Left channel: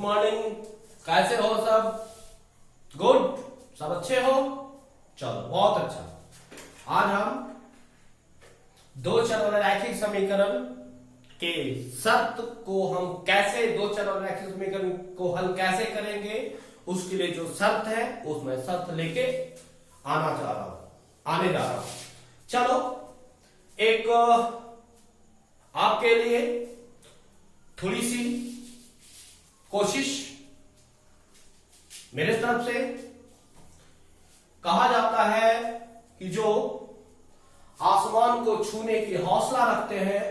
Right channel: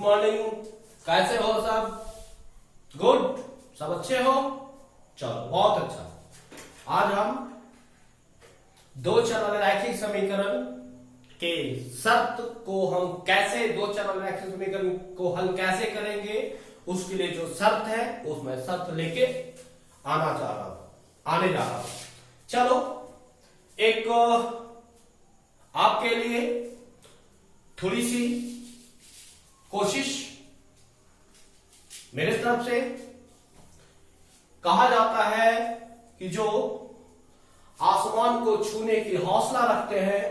Morning. कैसे हो सब? गुड, सब अच्छे हो? चलो बहुत अच्छा। आज हम दो चर वाले रैखिक समीकरण के शर्त को हम कैसे, दो चर वाले रैखिक समीकरण को हल कैसे करेंगे, उसके लिए जो शर्त है उसमें शर्त लेके आने जा रहा हूं। चलो एक आपके लिए थोड़ी सी कोशिश मेरे तरफ से। कहा जाता है कि जो आसमान को छूने की हौसला रखते हैं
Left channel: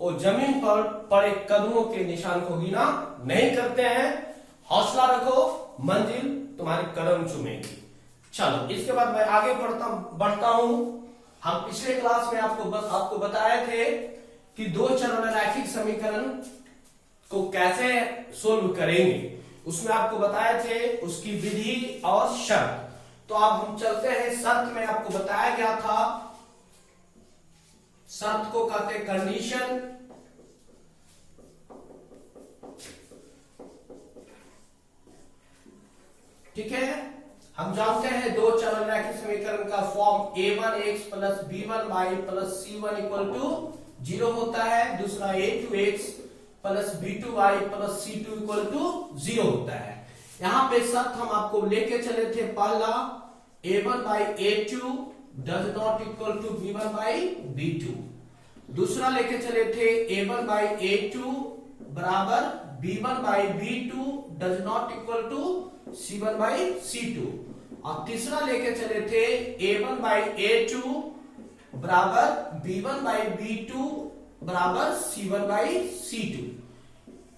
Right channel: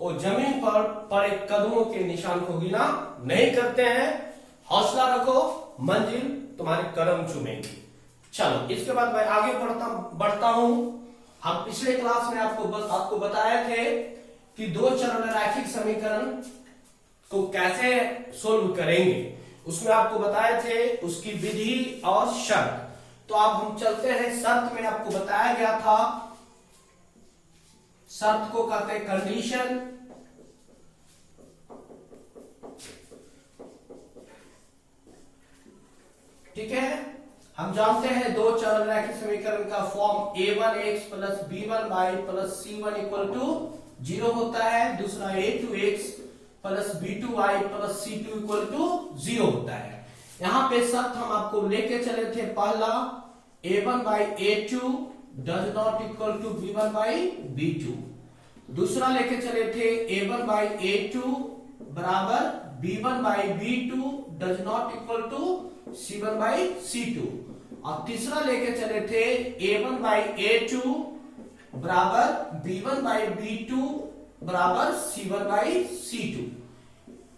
वो जमीन पर पड़े कदमों के निशान को गिना नहीं करते हैं। हौसला रखो, मंजिल तुम्हारे कदम चूमेगी। चलो इसके बाद मैं आगे बढ़ता हूं। हम पिछले क्लास में आपको बताए थे कि दो चर वाले रैखिक समीकरण को कैसे सोल्व करेंगे। उसमें आपको बताए थे उसकी विधि और शर्त। तो अब हम चलते हैं शर्त में। आपको बताया गया था शर्त को कहते हैं कंडीशन। ठीक है, हम जानते हैं दो चर रैखिक समीकरण का form a1x plus b1 y प्लस c1 इक्वल टू 0 होता है। दूसरा a2x plus b2y plus c2 equal to 0 होता है। यहां पे शर्त हम आपको लेके चले थे, पहला a1 by a2 does not equal to b1 by b2। दूसरा लेके चले थे a1 by a2 बराबर b1 by b2 does not equal to c1 by c2। और तीसरा लेके चले थे a1 by a2 बराबर b1 by b2 बराबर c1 by c2।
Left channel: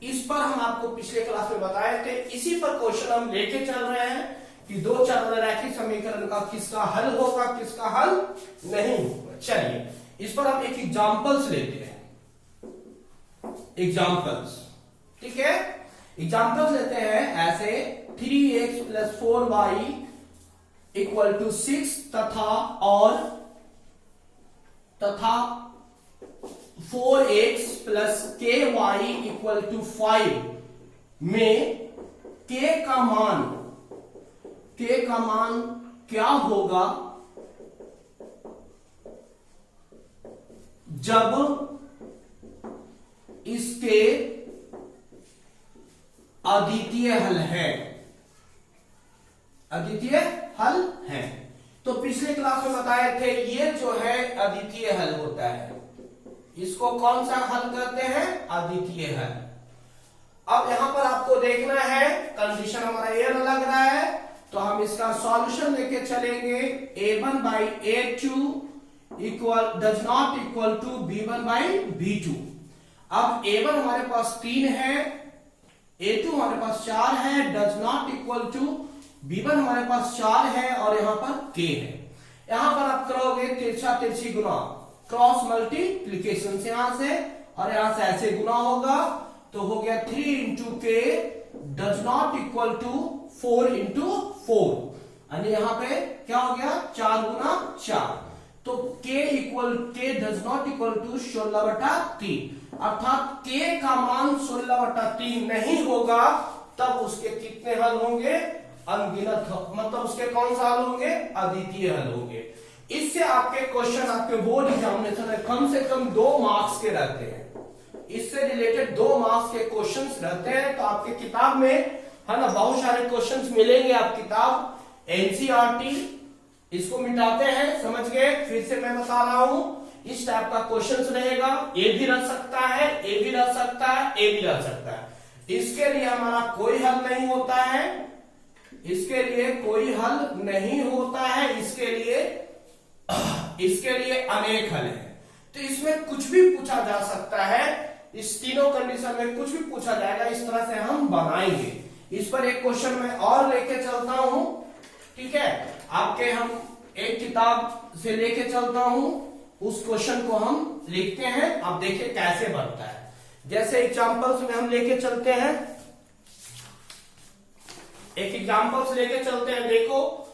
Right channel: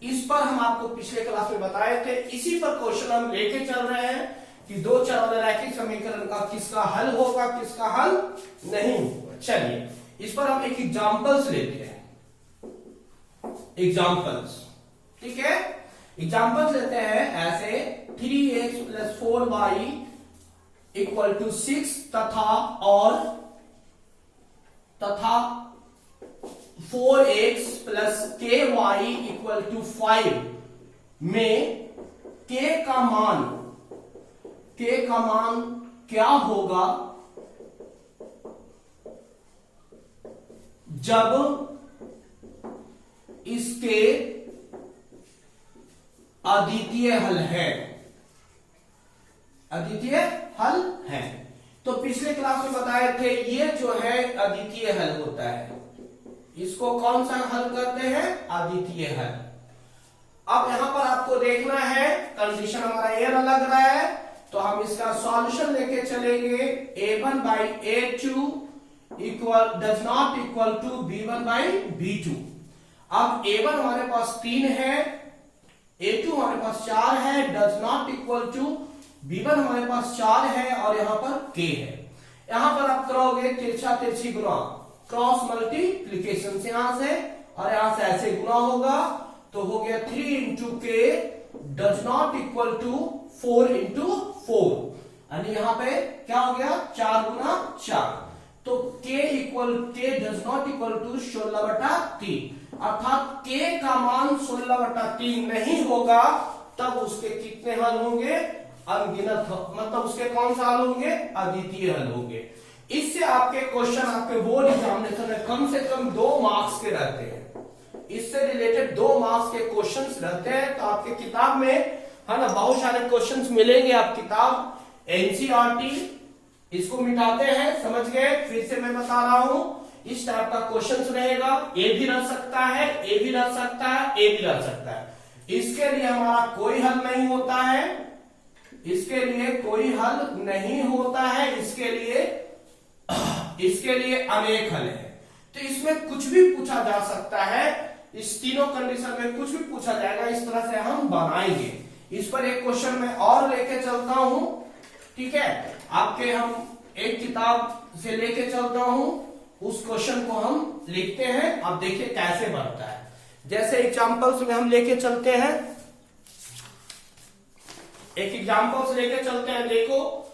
इस पर हम आपको पिछले क्लास में बताए थे। इसी पर क्वेश्चन हम लेके चल रहे हैं कि दो चर वाले रैखिक समीकरण का किसका हल होगा, किसका हल नहीं होगा। चलिए इस पर हम एक एग्जांपल्स लेते हैं। एग्जांपल्स, ठीक है, एग्जांपल्स लेते हैं ऐसे 3x plus 4y equal to 6 तथा 4x plus ky equal to 5 में k का मान क्या होगा जब इसके अद्वितीय हल है। अद्वितीय हल है तो पिछले क्लास में बताए थे ये जो है अद्वितीय हल होता है। इसको कौन सा हल करते हैं? अद्वितीय हल। अब यहां पर आपको देखना है, कंडीशन हमारा ये लग रहा है तो हम इसका सॉल्यूशन लेके चलेंगे। a1 by a2 equal does not equal to b1 by b2। अब a1 हमारे पास 3 है, a2 हमारे पास 4 है, does not equal to b1 हमारे पास 4 है और यहां पर k है। यहां पर आप करोगे तिरछा तिरछी गुना, क्रॉस मल्टीप्लीकेशन से यहां से और यहां से ऐसे गुना होगा तो हो गया 3 इंटू के does not equal to 4 into 4। यानी यहां पे क्या हो गया 4 गुना 4। तो k does not equal to 16/3 अर्थात k का मान 16/3 नहीं होगा तब उसके कितने हल होंगे? अनगिनत। मतलब उसके कौन सा हल होंगे? अद्वितीय हल होंगे। इससे आपके क्वेश्चन आपके बोर्ड एग्जामिनेशन में कम से कम 2 मार्क्स के रहते हैं। इससे रिलेटेड 2 मार्क्स के क्वेश्चंस रहते हैं। तो आपके किताब में है ना बहुत सारे क्वेश्चंस मिलेंगे। आप किताब एनसीईआरटी इसको मिटाते हैं, समझ गए? फिर से मैं बता रहा हूं, इस टाइप का क्वेश्चन रहेगा। ए भी रह सकता है, ए भी रह सकता है, ए भी रह सकता है। इसके लिए हमारा कोई हल नहीं होता है, इसके लिए कोई हल नहीं होता है, इसके लिए अनेक हल है। तो इसमें कुछ भी पूछा जा सकता है। इस तीनों कंडीशन में कुछ भी पूछा जाएगा, इस तरह से हम बनाएंगे। इस पर एक क्वेश्चन मैं और लेके चलता हूं, ठीक है। आपके हम एक किताब से लेके चलता हूं, उस क्वेश्चन को हम लिखते हैं। अब देखिए कैसे बनता है। जैसे एग्जांपल्स में हम लेके चलते हैं, एक एग्जांपल्स लेके चलते हैं। देखो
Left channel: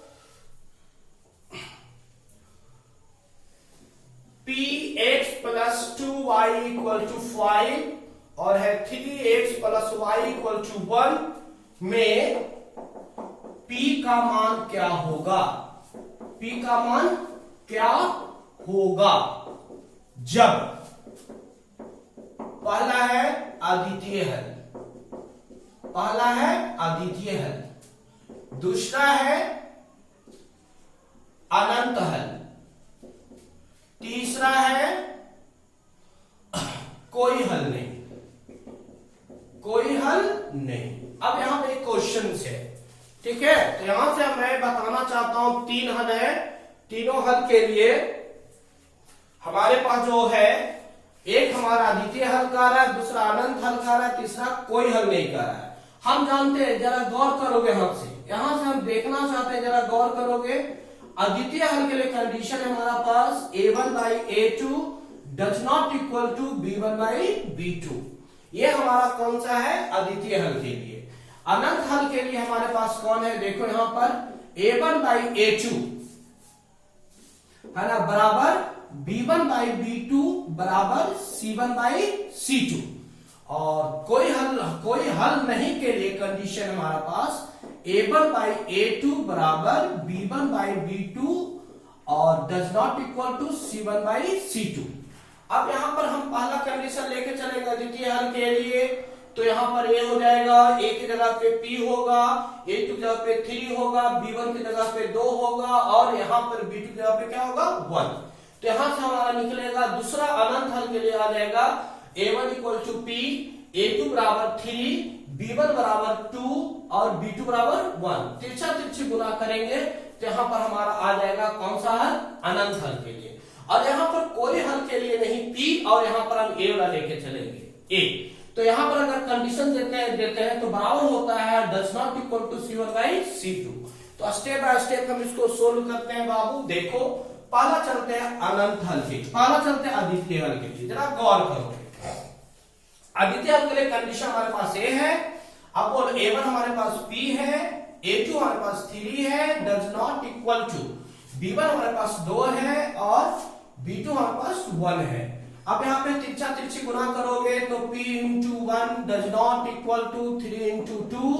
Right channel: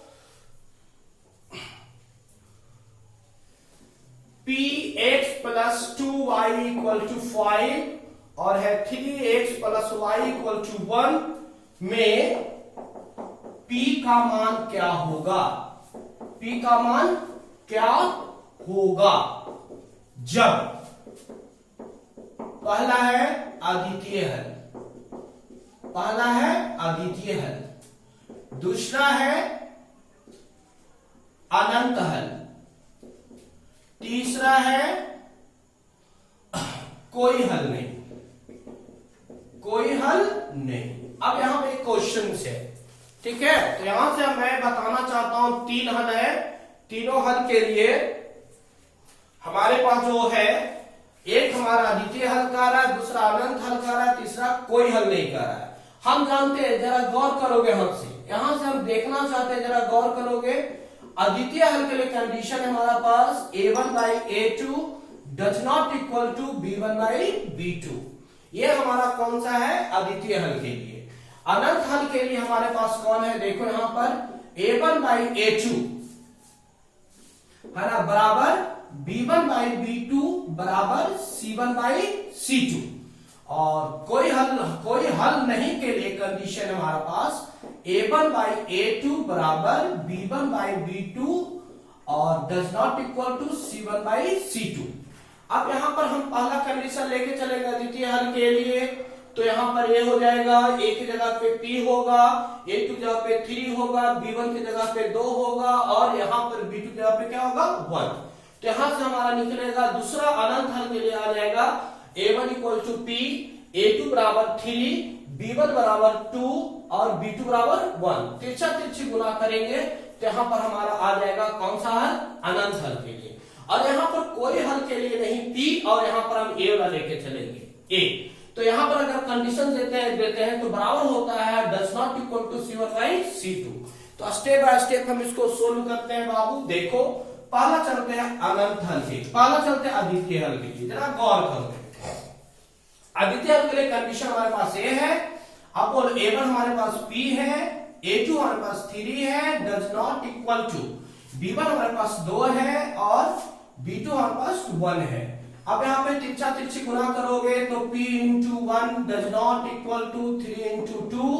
px plus 2y equal to 5 और है 3x plus y equal to 1 में P का मान क्या होगा, P का मान क्या होगा जब पहला है अद्वितीय हल, पहला है अद्वितीय हल, दूसरा है अनंत हल, तीसरा है कोई हल नहीं, कोई हल नहीं। अब यहां पे एक क्वेश्चन है, ठीक है, तो यहां से मैं बताना चाहता हूं तीन हल है, तीनों हल के लिए हमारे पास जो है एक हमारा अद्वितीय हल कर रहा है, दूसरा अनंत हल कर रहा है, तीसरा कोई हल नहीं कर रहा है। हम जानते हैं, जरा गौर करोगे हमसे, यहां से हम देखना चाहते हैं, जरा गौर करोगे। अद्वितीय हल के लिए कंडीशन है हमारा पास a1/a2 does not equal to b1/b2। ये हमारा कौन सा है, अद्वितीय हल के लिए। अनंत हल के लिए हमारे पास कौन है, देखो यहां पर a1/a2 है ना बराबर b1/b2 बराबर c1/c2। और कोई हल नहीं के लिए कंडीशन हमारे पास a1/a2 बराबर b1/b2 और does not equal to c1/c2। अब यहां पर हम पहला कंडीशन लेके चलेंगे अद्वितीय हल के लिए, तो यहां पर ये हो जाएगा, a की जगह पे p होगा, a की जगह पे 3 होगा, b1 की जगह पे 2 होगा और यहां पर b2 की जगह पे क्या होगा 1। तो यहां से हमारा निकलेगा दूसरा अनंत हल के लिए आ जाएगा a1 equal to p, a2 बराबर 3, b1 बराबर 2 और b2 बराबर 1। तिरछा तिरछी गुना करेंगे तो यहां पर हमारा आ जाएगा कौन सा हल, अनंत हल के लिए। और यहां पर कोई हल के लिए नहीं p, और यहां पर हम a वाला लेके चलेंगे a। तो यहां पर अगर कंडीशन देते हैं तो बराबर होता है does not equal to c1/c2। तो स्टेप बाय स्टेप हम इसको सोल्व करते हैं बाबू। देखो पहला चलते हैं अनंत हल के, पहला चलते हैं अद्वितीय हल के लिए, जरा गौर करो। अद्वितीय हल के लिए कंडीशन हमारे पास a है, अब बोल a1 हमारे पास p है, a2 हमारे पास 3 है, does not equal to b1 हमारे पास 2 है और b2 हमारे पास 1 है। अब यहाँ पे तिरछा तिरछी गुना करोगे तो p into 1 does not equal to 3 into 2,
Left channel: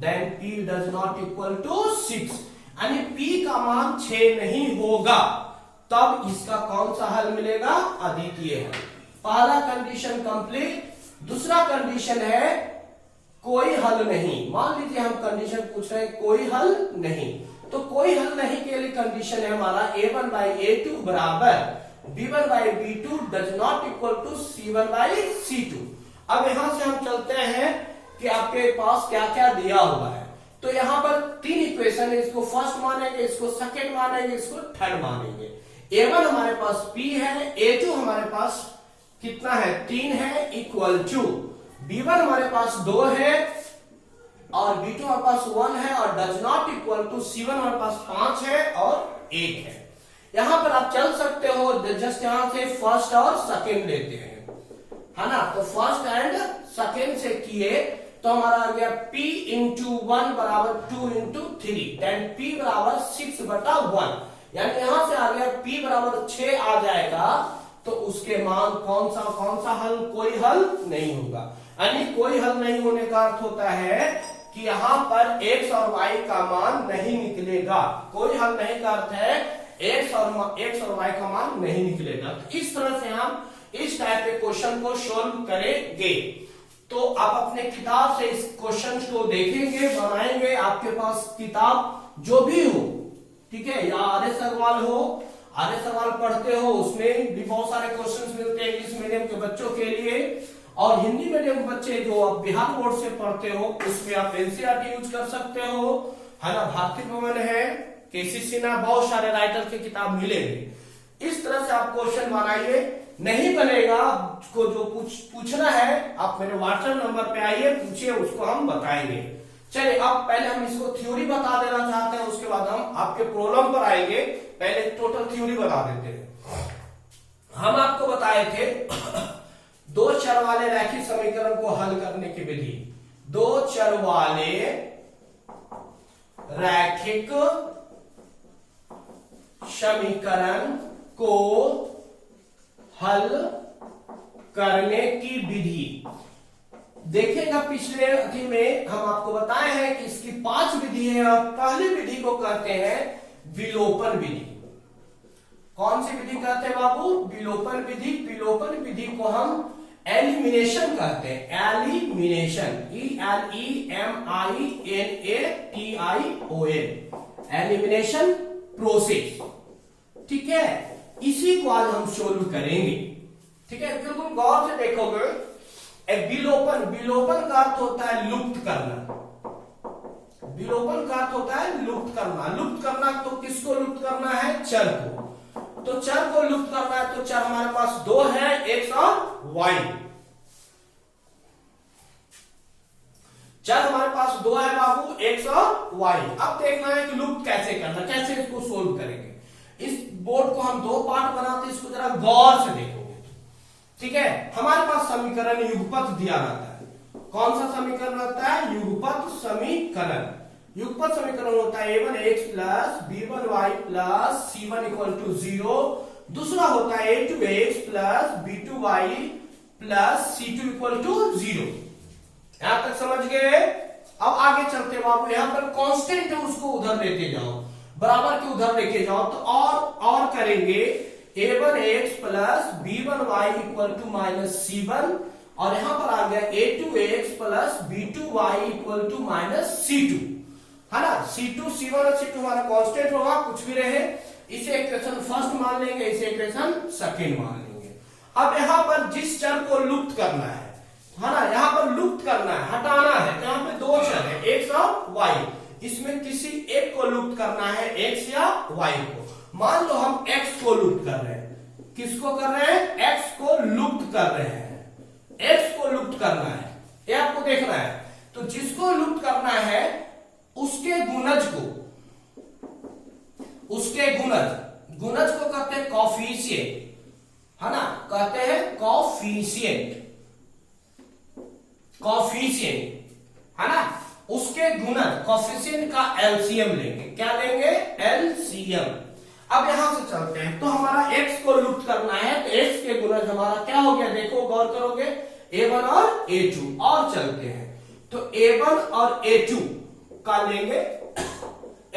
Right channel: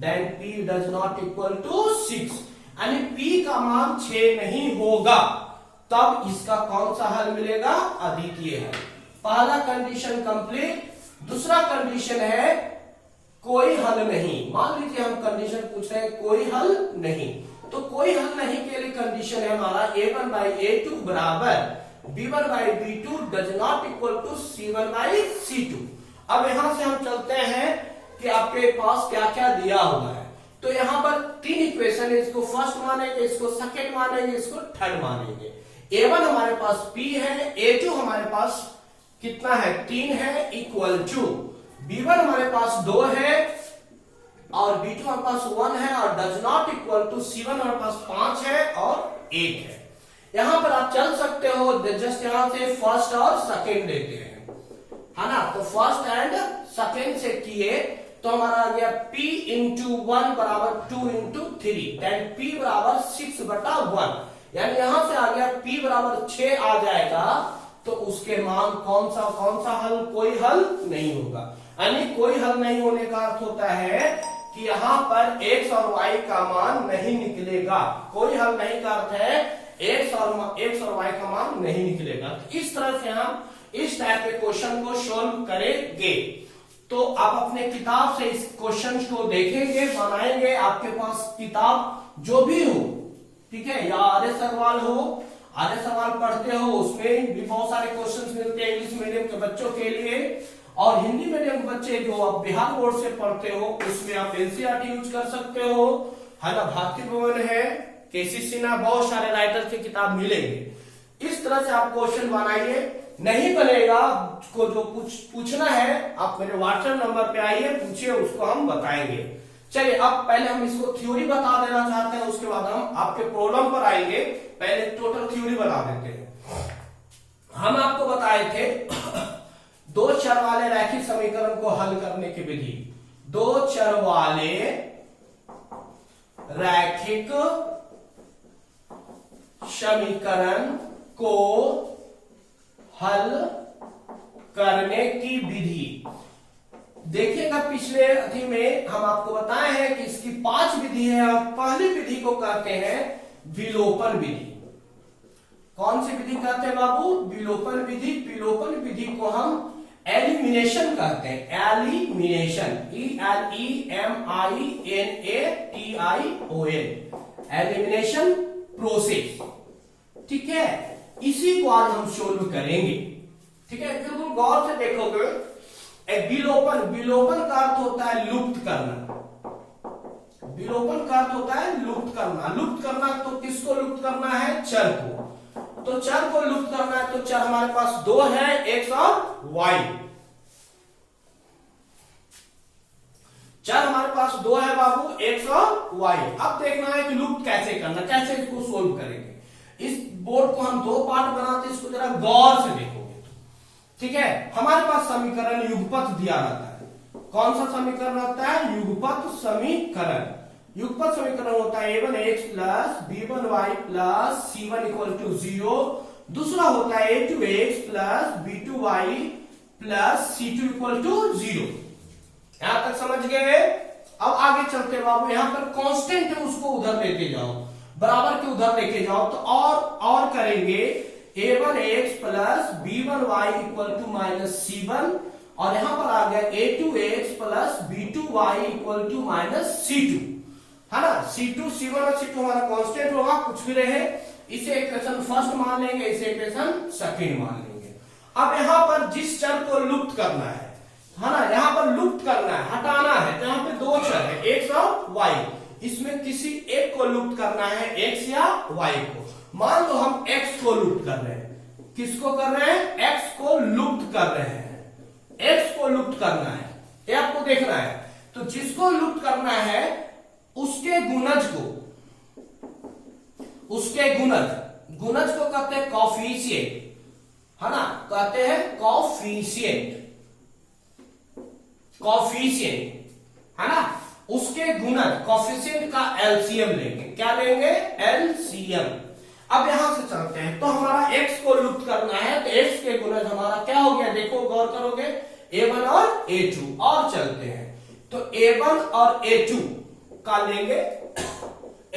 then p does not equal to 6, यानी p का मान 6 नहीं होगा, तब इसका कौन सा हल मिलेगा, अद्वितीय हल। पहला कंडीशन कंप्लीट। दूसरा कंडीशन है कोई हल नहीं। मान लीजिए हम कंडीशन पूछ रहे हैं कोई हल नहीं, तो कोई हल नहीं के लिए कंडीशन है हमारा a1/a2 बराबर b1/b2 does not equal to c1/c2। अब यहां से हम चलते हैं कि आपके पास क्या क्या दिया हुआ है। तो यहां पर तीन इक्वेशन है, इसको फर्स्ट मानेंगे, इसको सेकंड मानेंगे, इसको थर्ड मानेंगे। a1 हमारे पास p है, a2 हमारे पास कितना है 3 है, इक्वल टू b1 हमारे पास 2 है और b2 हमारे पास 1 है और does not equal to c1 हमारे पास 5 है और 1 है। यहां पर आप चल सकते हो, जस्ट यहां से फर्स्ट और सेकंड लेते हैं, है ना। तो फर्स्ट एंड सेकंड से किए तो हमारा आ गया p इंटू 1 बराबर 2 इंटू 3, देन p बराबर 6/1, यानी यहां से आ गया p बराबर 6 आ जाएगा। तो उसके मान कौन सा हल, कोई हल नहीं होगा। यानी कोई हल नहीं होने का अर्थ होता है कि यहां पर x और y का मान नहीं निकलेगा। कोई हल नहीं का अर्थ है x और y का मान नहीं निकलेगा। तो इस तरह से हम इस टाइप के क्वेश्चन को सॉल्व करेंगे। तो आप अपने किताब से इस क्वेश्चन को देखेंगे, बनाएंगे। आपके पास किताब जो भी हो, ठीक है, या आर्य सवाल हो, आर्य सवाल पढ़ते हो, उसमें भी बहुत सारे क्वेश्चंस मिलते हैं इंग्लिश मीडियम के बच्चों के लिए। और हिंदी मीडियम के बच्चे जो आप बिहार बोर्ड से पढ़ते हो, उसमें आप एनसीईआरटी यूज कर सकते हो, है ना। भारती भवन है, केसी सिन्हा, बहुत सारे राइटर की किताब मिलेंगे। इस तरह से आप क्वेश्चन बनाइए। नहीं बनेगा को जो पूछना है आप मेरे व्हाट्सएप नंबर पे आइए, पूछिए, उसको हम बताएंगे। चलिए अब पहले हम इसको थ्योरी बता देना चाहते हैं, उसके बाद हम आपके प्रॉब्लम पर आएंगे। पहले टोटल थ्योरी बता देते हैं। हम आपको बताए थे दो चर वाले रैखिक समीकरण को हल करने की विधि। दो चर वाले रैखिक समीकरण को हल करने की विधि। देखिएगा पिछले अथी में हम आपको बताए हैं कि इसकी 5 विधि है और पहली विधि को कहते हैं विलोपन विधि। कौन सी विधि कहते हैं बाबू? विलोपन विधि। विलोपन विधि को हम एलिमिनेशन कहते हैं। Elimination, ELEMINATION, elimination process. ठीक है, इसी को आज हम सोल्व करेंगे। ठीक है, बिल्कुल गौर से देखोगे। विलोपन, विलोपन का अर्थ होता है लुप्त करना। विलोपन का अर्थ होता है लुप्त करना। लुप्त करना तो किसको लुप्त करना है? चर को। तो चर को लुप्त करना है तो चर हमारे पास दो है, एक्स और वाई। चर हमारे पास दो है बाबू, एक्स और वाई। अब देखना है कि लुप्त कैसे करना, कैसे इसको सोल्व करेंगे। इस बोर्ड को हम दो पार्ट बनाते हैं, इसको जरा गौर से देखोगे। ठीक है, हमारे पास समीकरण युगपत दिया रहता है। कौन सा समीकरण रहता है? युगपत समीकरण। युगपत समीकरण होता है a1x plus b1y plus c1 equal to 0। दूसरा होता है a2x plus b2y plus c2 equal to 0। यहां तक समझ गए? अब आगे चलते बाबू, यहां पर कांस्टेंट है उसको उधर लेके जाओ, बराबर के उधर लेके जाओ तो और करेंगे a1x plus b1y equal to minus c1 और यहां पर आ गया a2x plus b2y equal to minus c2, है ना। C2, C1 और C2 हमारा कांस्टेंट होगा, कुछ भी रहे। इसे इक्वेशन फर्स्ट मान लेंगे, इसे इक्वेशन सेकंड मान लेंगे। अब यहां पर जिस चर को लुप्त करना है ना, यहां पर लुप्त करना है, हटाना है, तो यहां पे दो चर है, एक्स और वाई। इसमें किसी एक को लुप्त करना है, एक्स या वाई को। मान लो हम एक्स को लुप्त कर रहे हैं। किसको कर रहे हैं? एक्स को लुप्त कर रहे हैं। एक्स को लुप्त करना है, ये आपको देखना है। तो जिसको लुप्त करना है उसके गुणज को, उसके गुणज को कहते हैं कॉफिशिएंट, है ना, कहते हैं कॉफिशिएंट, है ना। उसके गुणज कॉफिशिएंट का एलसीएम लेंगे। क्या लेंगे? एलसीएम। अब यहां से चलते हैं, तो हमारा एक्स को लुप्त करना है, तो एक्स के गुणज हमारा क्या हो गया? देखो गौर करोगे, a1 और a2। और चलते हैं तो a1 और a2 का लेंगे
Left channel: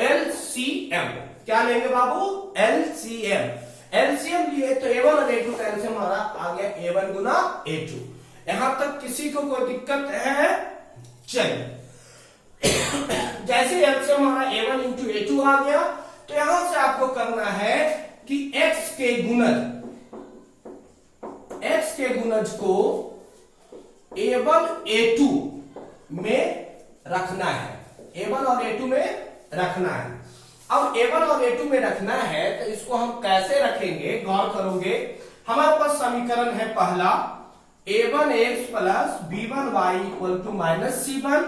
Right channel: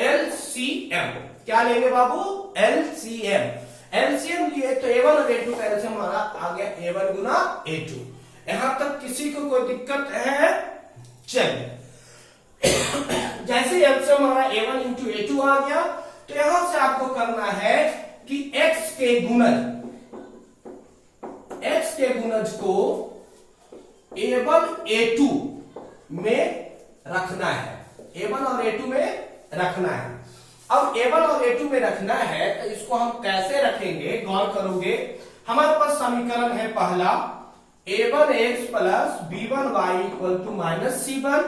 एलसीएम। क्या लेंगे बाबू? एलसीएम। एलसीएम लिए तो a1 और a2 का एलसीएम हमारा आ गया a1 गुना a2। यहां तक किसी को कोई दिक्कत है? चलिए, जैसे एलसीएम हमारा a1 इंटू a2 आ गया, तो यहां से आपको करना है कि x के गुणज को a1 a2 में रखना है। a1 और a2 में रखना है। अब a1 और a2 में रखना है तो इसको हम कैसे रखेंगे? गौर करोगे, हमारे पास समीकरण है पहला a1x plus b1y equal to minus c1।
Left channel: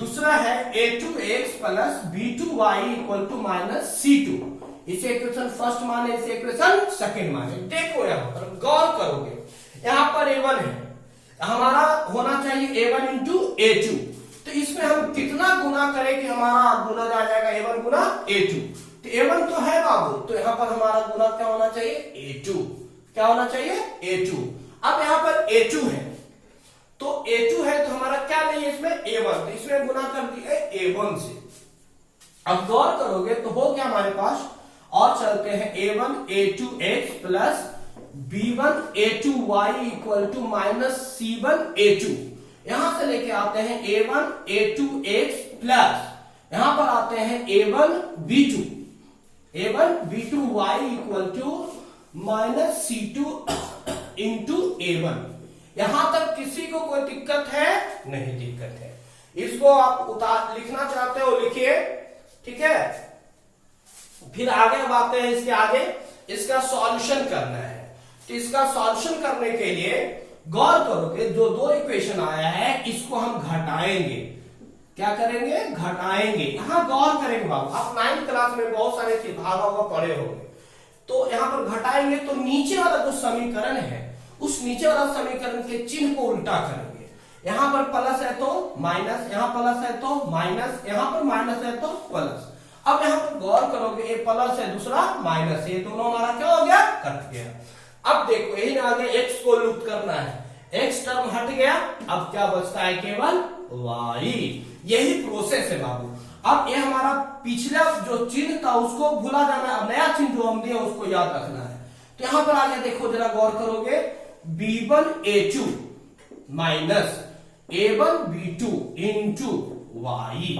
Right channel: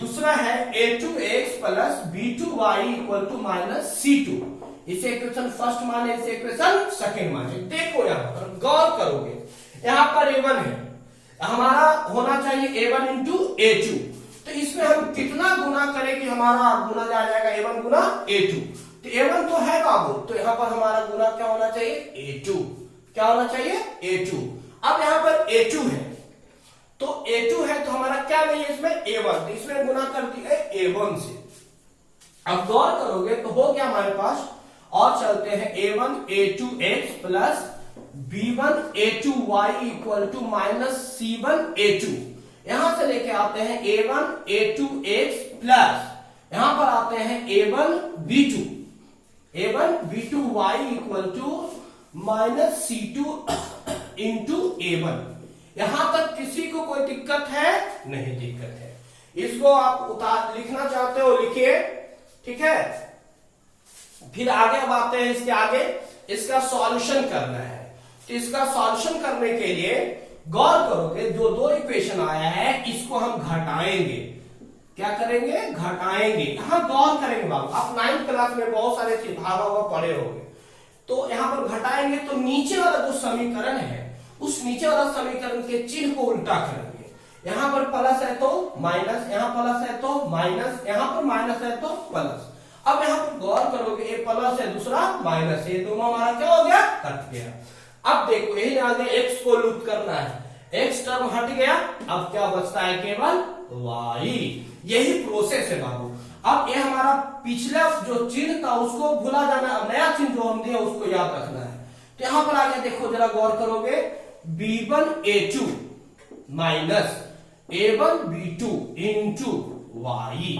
दूसरा है a2x plus b2y equal to minus c2। इसे इक्वेशन फर्स्ट माने, इसे इक्वेशन सेकंड माने। देखो यहां पर गौर करोगे, यहां पर a1 है, हमारा होना चाहिए a1 इंटू a2। तो इसमें हम कितना गुना करें कि हमारा गुना आ जाएगा a1 गुना a2। तो a1 तो है बाबू, तो यहां पर हमारा गुना क्या होना चाहिए? a2। क्या होना चाहिए? a2। अब यहां पर a2 है, तो a2 है तो हमारा क्या नहीं है इसमें? a1। तो इसमें गुना कर दिया a1 से। अब गौर करोगे तो हो गया हमारे पास। और चलते हैं a1 a2x plus b1 a2y equal to minus c1 a2। यहां से लेके आते हैं a1 a2x प्लस यहां पर आते हैं a1 b2y equal to minus c2 into a1। यहां तक किसी को कोई दिक्कत है? नहीं दिक्कत है। इसको आप लिखना चाहते हो लिखिए, ठीक है। फिर आगे बातें हैं, इसके आगे इसका सॉल्यूशन करना है। तो इसका सॉल्यूशन करने के लिए गौर करोगे, जो दो इक्वेशन आया है इसको हम घटाएंगे। क्या करेंगे? घटाएंगे। यहां गौर करेंगे बाबू, आप 9th क्लास में बहुत सारे भागा हुआ पढ़े होंगे। तो यहां पर घटाएंगे तो नीचे वाला जो समीकरण है उस नीचे वाला समीकरण के चिन्ह को उल्टा करेंगे। यहां पर प्लस है तो माइनस, यहां प्लस है तो माइनस, यहां पर माइनस है तो प्लस। अब यहां पर गौर करोगे, एक प्लस है दूसरा माइनस, ये दोनों हमारा क्या हो गया? कट गया। अब देखो यही आगे x को लुप्त करना है। एक्स टर्म हट गया, अब क्या बचता है? केवल वाई। यही प्रोसेस है बाबू। अब ये हमारा पिछला जो चिन्ह था उसको भुला जाना, अब नया चिन्ह जो हम दिए उसको याद रखना है। तो यहां पर आ गया, देखो जरा गौर करोगे, b1a2 minus a1b2 into Y,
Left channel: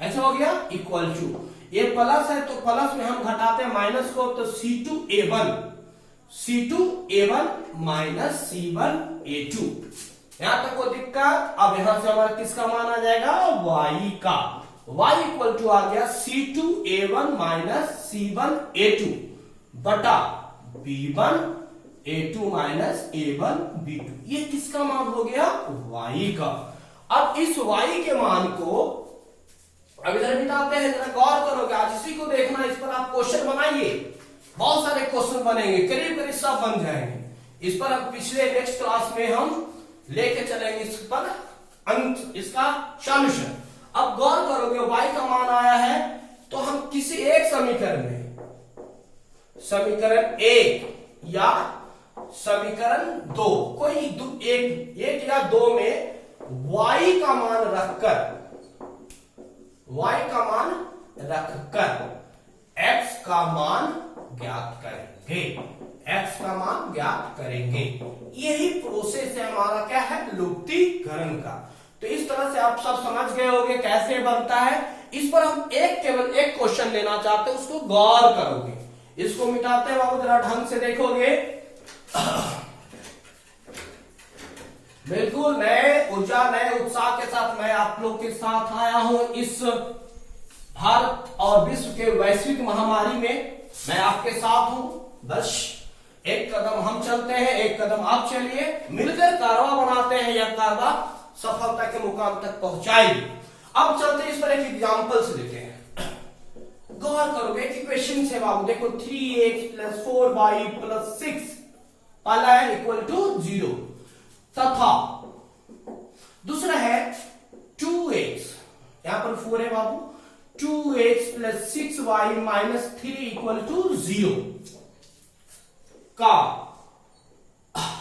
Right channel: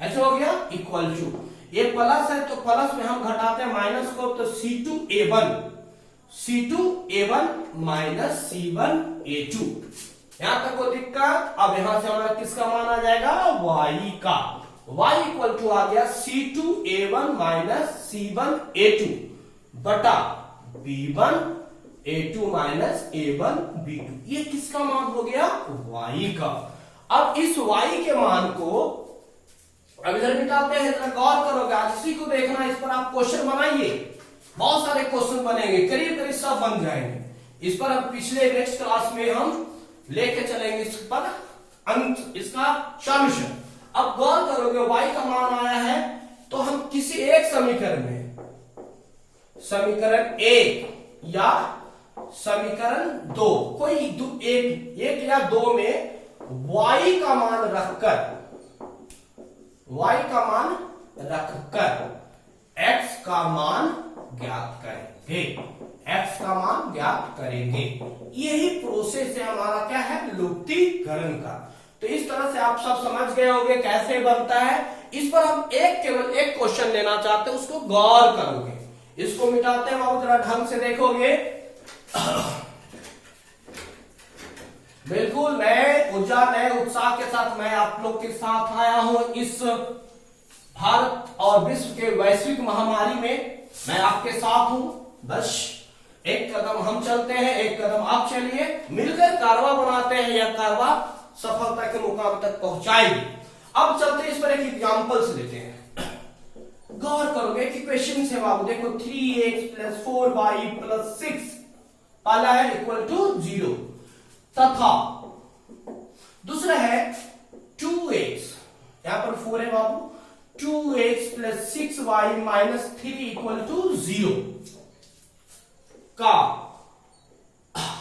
ऐसा हो गया, इक्वल टू, ये प्लस है तो प्लस में हम घटाते हैं माइनस को, तो C2A1 माइनस C1A2। यहां तक को दिक्कत। अब यहां से हमारा किसका मान आ जाएगा? y का। y इक्वल टू आ गया C2A1 माइनस C1A2 बटा B1A2 माइनस A1B2। ये किसका मान हो गया? y का। अब इस y के मान को अब इधर मिटाते हैं, जरा गौर करोगे, आज इसी को देखना, इस पर आप क्वेश्चन बनाइए, बहुत सारे क्वेश्चन बनेंगे, करीब करीब सब बन जाएंगे। इस पर अब पिछले नेक्स्ट क्लास में हम लेके चलेंगे इस पर अंत, इसका सॉल्यूशन। अब गौर करोगे, y का मान आया है तो हम किसी एक समीकरण में, समीकरण 1 या समीकरण 2, कोई एक या 2 में y का मान रखकर x का मान ज्ञात करेंगे, x का मान ज्ञात करेंगे। यही प्रोसेस है हमारा, क्या है? लुप्तीकरण का। तो इस तरह से आप सब समझ गए होंगे कैसे बनता है। इस पर हम केवल एक क्वेश्चन लेना चाहते हैं, उसको गौर करोगे। इसको मिटाते हैं बाबू, जरा ढंग से देखोगे। बिल्कुल नए ऊर्जा, नए उत्साह के साथ मैं आप लोग के साथ आया हूं इस भारत और विश्व के वैश्विक महामारी में। मैं आपके साथ हूं, बस एक कदम हम चलते हैं, एक कदम आप चलिए, मिलकर कारवा बनाते हैं, या कारवा सफलता के मुकाम तक पहुंचाएगी। अब चलते हैं, इस पर एक एग्जाम्पल से लेते हैं। गौर करोगे कि क्वेश्चन से बाबू देखो, 3x प्लस 4y प्लस 6 पहला है इक्वल टू 0, तथा दूसरा है 2x, यहां पर 4 है बाबू, 2x plus 6y minus 3 equal to 0 का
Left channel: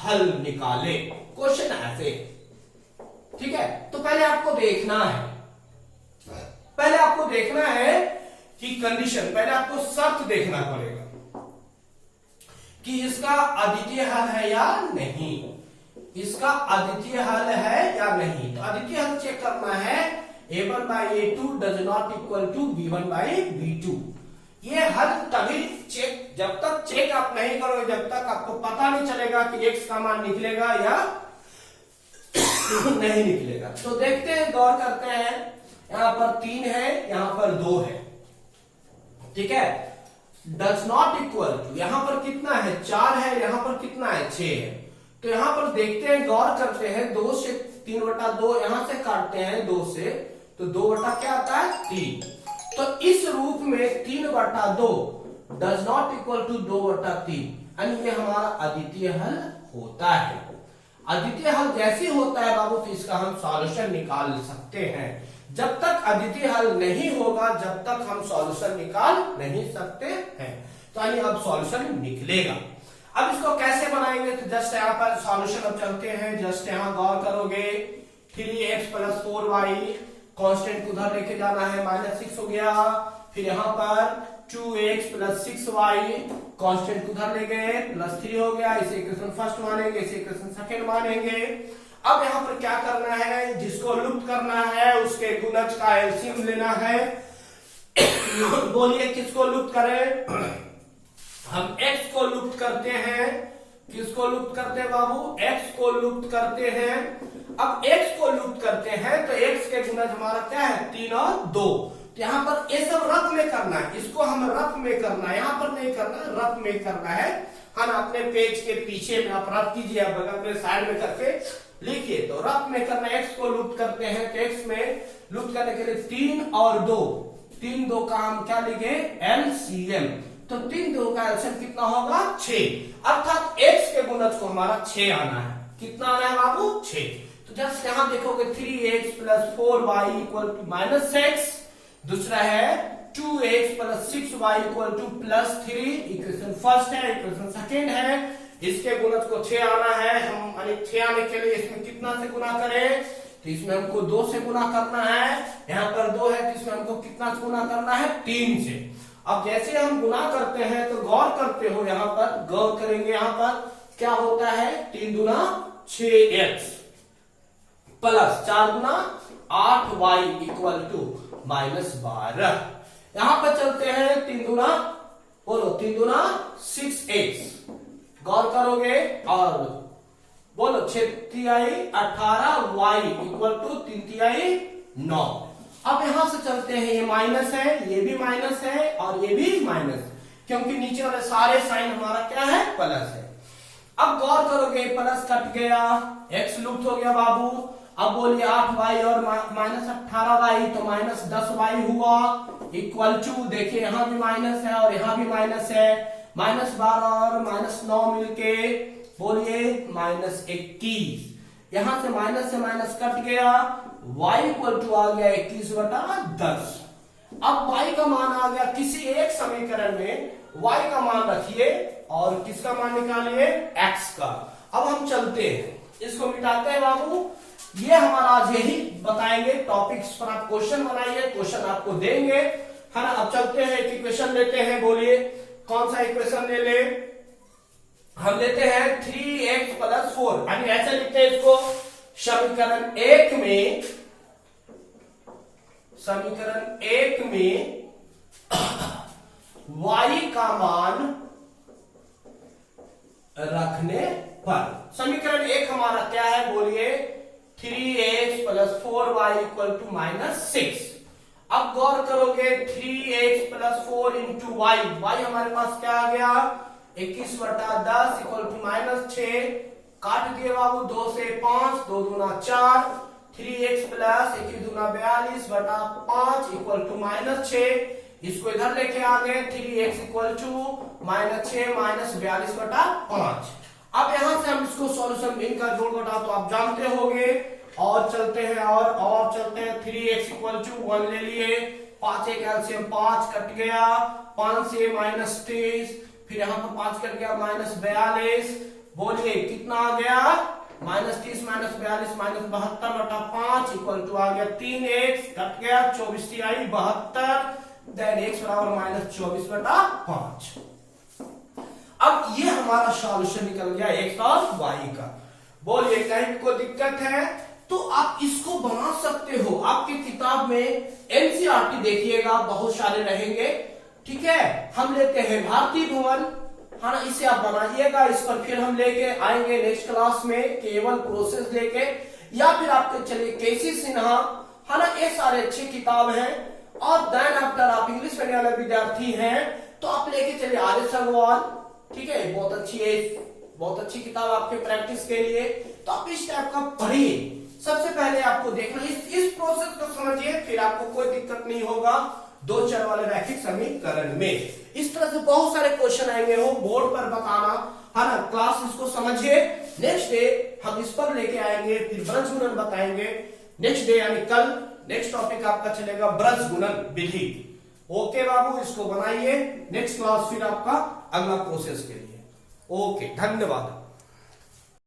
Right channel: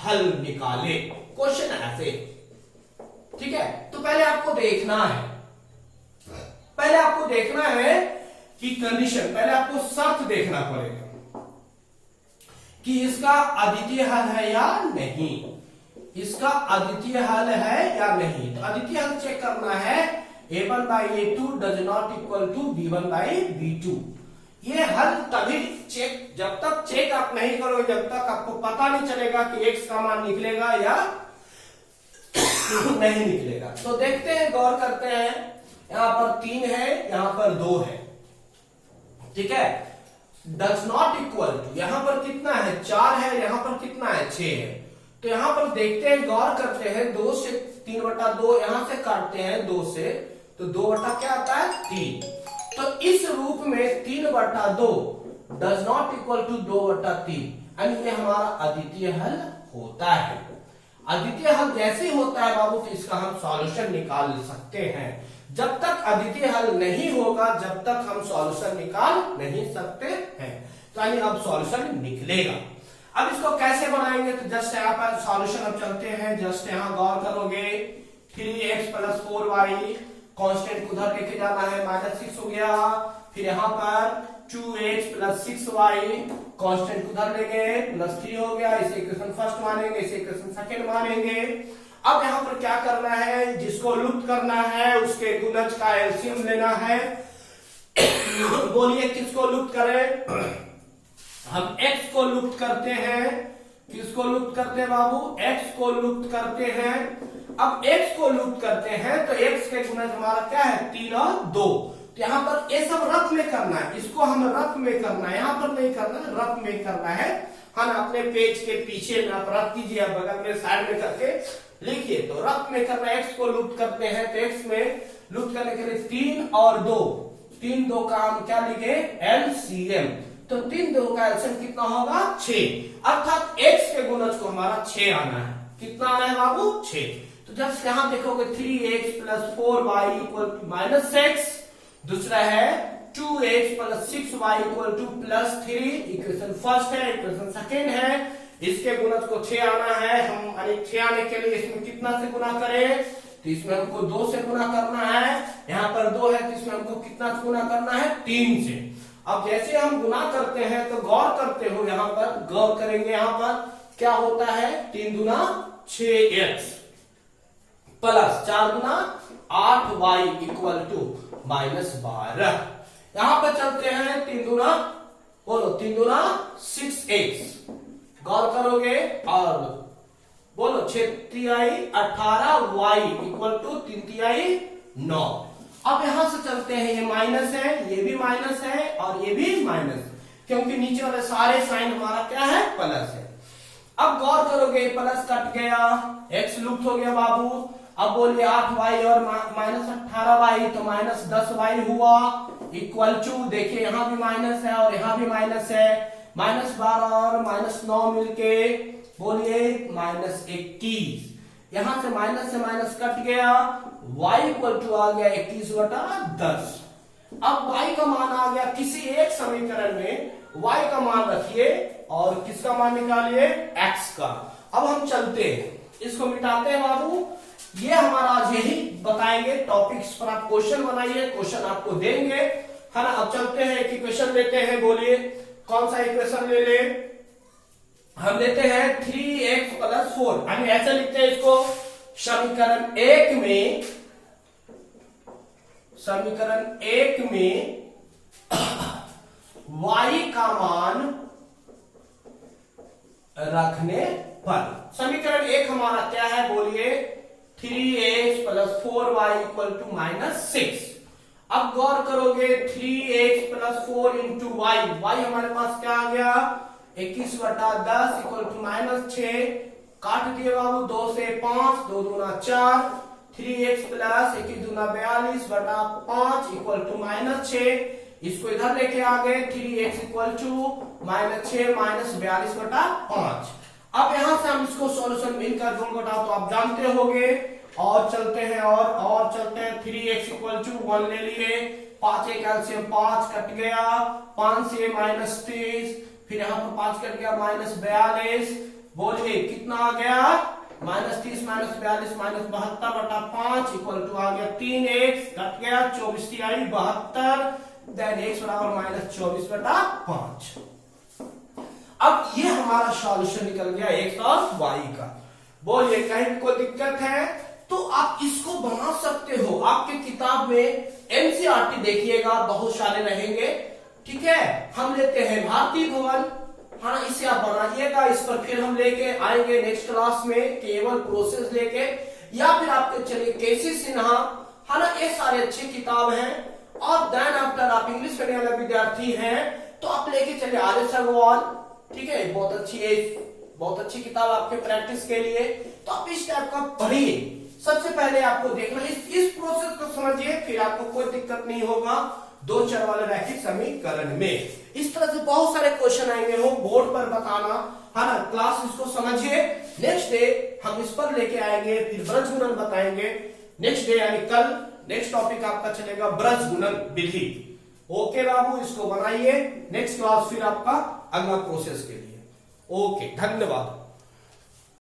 हल निकाले। क्वेश्चन ऐसे, ठीक है। तो पहले आपको देखना है कि कंडीशन, पहले आपको शर्त देखना पड़ेगा कि इसका अद्वितीय हल है या नहीं, इसका अद्वितीय हल है या नहीं। तो अद्वितीय हल चेक करना है, a1 by a2 does not equal to b1 by b2। ये हल तभी चेक, जब तक चेक आप नहीं करोगे, जब तक आपको पता नहीं चलेगा कि x का मान निकलेगा या नहीं निकलेगा। तो देखते हैं, गौर करते हैं, यहां पर 3 है, यहां पर 2 है, ठीक है। डज नॉट इक्वल टू, यहां पर कितना है? 4 है, यहां पर कितना है? 6 है। तो यहां पर देखते हैं, गौर करते हैं, 2 से 3/2 यहां से काटते हैं 2 से, तो 2 बटा क्या आता है? 3। तो इस रूप में 3/2 डज नॉट इक्वल टू 2/3, यानी ये हमारा अद्वितीय हल होता है। अद्वितीय हल जैसे होता है बाबू, तो इसका हम सॉल्यूशन निकाल सकते हैं। जब तक अद्वितीय हल नहीं होगा, जब तक हम सॉल्यूशन निकाल नहीं सकते हैं। तो यानी अब सॉल्यूशन निकलेगा। अब इसको कैसे बनाएंगे? तो जस्ट यहाँ पर सॉल्यूशन अब चलते हैं, जस्ट यहाँ गौर करोगे, 3x प्लस 4y, कांस्टेंट को उधर लेके जाना है, -6 हो गया। फिर यहाँ पर 2x प्लस 6y, कांस्टेंट को उधर ले गए, +3 हो गया। इसे इक्वेशन फर्स्ट मानेंगे, इसे इक्वेशन सेकंड मानेंगे। अब यहाँ पर क्या करना है? जिसको लुप्त करना है उसके गुणज का एलसीएम लेना है। बोलिए किसको लुप्त करें? हम x को लुप्त करते हैं। किसको लुप्त करते हैं बाबू? x को लुप्त करते हैं। अब x को लुप्त करते हैं तो x के गुणज हमारा क्या है? 3 और 2। तो यहाँ पर ये सब रफ में करना है, इसको हम रफ में करना है, यहाँ पर नहीं करना, रफ में करना है। हम अपने पेज के पीछे में आप रफ कीजिए, बगल में साइड में करके लिखिए। तो रफ में करना, x को लुप्त करते हैं तो x में लुप्त करने के लिए 3 और 2, 3 2 का हम क्या लिखे? LCM। तो 3 2 का एलसीएम कितना होगा? 6। अर्थात x के गुणज को हमारा 6 आना है। कितना आना है बाबू? 6। तो जस्ट यहां देखोगे 3x plus 4y equal to -6, दूसरा है 2x plus 6y equal to +3, equation first है, इक्वेशन सेकेंड है। इसके गुणज को 6 आना है, हम यानी 6 आने के लिए इसमें कितना से गुना करें, तो इसमें हमको 2 से गुना करना है, यहाँ पर 2 है तो इसमें हमको कितना से गुना करना है, 3 से। अब जैसे हम गुना करते हैं तो गौर करते हो, यहाँ पर गौर करेंगे, यहाँ पर क्या होता है, 3 दूना 6x प्लस 4 दूना 8y इक्वल टू -12। यहां पर चलते हैं 3 दूना, बोलो 3 दूना 6x, गौर करोगे और बोलो 6 तिहाई 18y इक्वल टू 3 तिहाई 9। अब यहां से चलते हैं, ये माइनस है, ये भी माइनस है और ये भी माइनस, क्योंकि नीचे वाले सारे साइन हमारा क्या है, प्लस है। अब गौर करोगे प्लस कट गया, x लुप्त हो गया बाबू। अब बोलिए 8y और -18y तो -10y हुआ इक्वल टू, देखिए यहां भी माइनस है और यहां भी माइनस है, -12 और -9 मिलके बोलिए -21। यहां से माइनस कट गया, y इक्वल टू आ गया 21/10। अब y का मान आ गया, किसी एक समीकरण में y का मान रखिए और किसका मान निकालिए, x का। अब हम चलते हैं, इसको मिटाते हैं बाबू। ये हमारा आज यही बताएंगे टॉपिक्स पर, आप क्वेश्चन बनाइए, क्वेश्चन आपको देंगे, है ना। अब चलते हैं, एक इक्वेशन लेते हैं, बोलिए कौन सा इक्वेशन ले ले, हम लेते हैं 3x + 4, यानी ऐसे लिखते हैं इसको, समीकरण 1 में y का मान रखने पर। समीकरण 1 हमारा क्या है, बोलिए 3x + 4y = -6। अब गौर करोगे 3x + 4 × y, y हमारे पास क्या आ गया, 21/10 = -6। काट दिए बाबू, 2 से 5, 2 दूना 4, 3x + 21 दूना 42/5 = -6। इसको इधर लेके आ गए, 3x = -6 -42/5। अब यहां से हम इसको सॉल्यूशन में इनका जोड़ घटाओ तो आप जानते होंगे, और चलते हैं और चलते हैं। 3x = 1 ले लिए, 5 एक एलसीएम 5 कट गया, 5 से -30, फिर यहाँ पर 5 कट गया, -42। बोलिए कितना आ गया, -30 -42 -72/5 इक्वल टू आ गया 3x, कट गया 24 तिहाई 72, देन x बराबर -24/5। अब ये हमारा सॉल्यूशन निकल गया x और y का। बोलिए कहीं कोई दिक्कत है तो आप इसको बना सकते हो, आपके किताब में एनसीईआरटी देखिएगा, बहुत सारे रहेंगे, ठीक है। हम लेते हैं भारतीय भवन, है ना, इसे आप बनाइएगा, इस पर फिर हम लेके आएंगे नेक्स्ट क्लास में केवल प्रोसेस लेके, या फिर आपके चलिए केसी सिन्हा, है ना, ये सारे अच्छे किताब हैं। और देन आफ्टर आप इंग्लिश पढ़ने वाले विद्यार्थी हैं तो आप लेके चलिए आर.एस. अग्रवाल, ठीक है, बहुत अच्छी है, बहुत अच्छी किताब आपके प्रैक्टिस के लिए। तो आप इस टाइप का पढ़िए, सबसे पहले आपको देखना, इस प्रोसेस को समझिए, फिर आपको कोई दिक्कत नहीं होगा 2 चर वाले रैखिक समीकरण में। इस तरह से बहुत सारे क्वेश्चन आएंगे, हो बोर्ड पर बताना, है ना। क्लास इसको समझिए, नेक्स्ट डे हम इस पर लेके आएंगे, फिर ब्रज गुणन बताएंगे नेक्स्ट डे, यानी कल नेक्स्ट टॉपिक आपका चलेगा ब्रज गुणन विधि। ओके बाबू, इसको बनाइए, नेक्स्ट क्लास फिर आपका अगला प्रोसेस के लिए। ओके, धन्यवाद।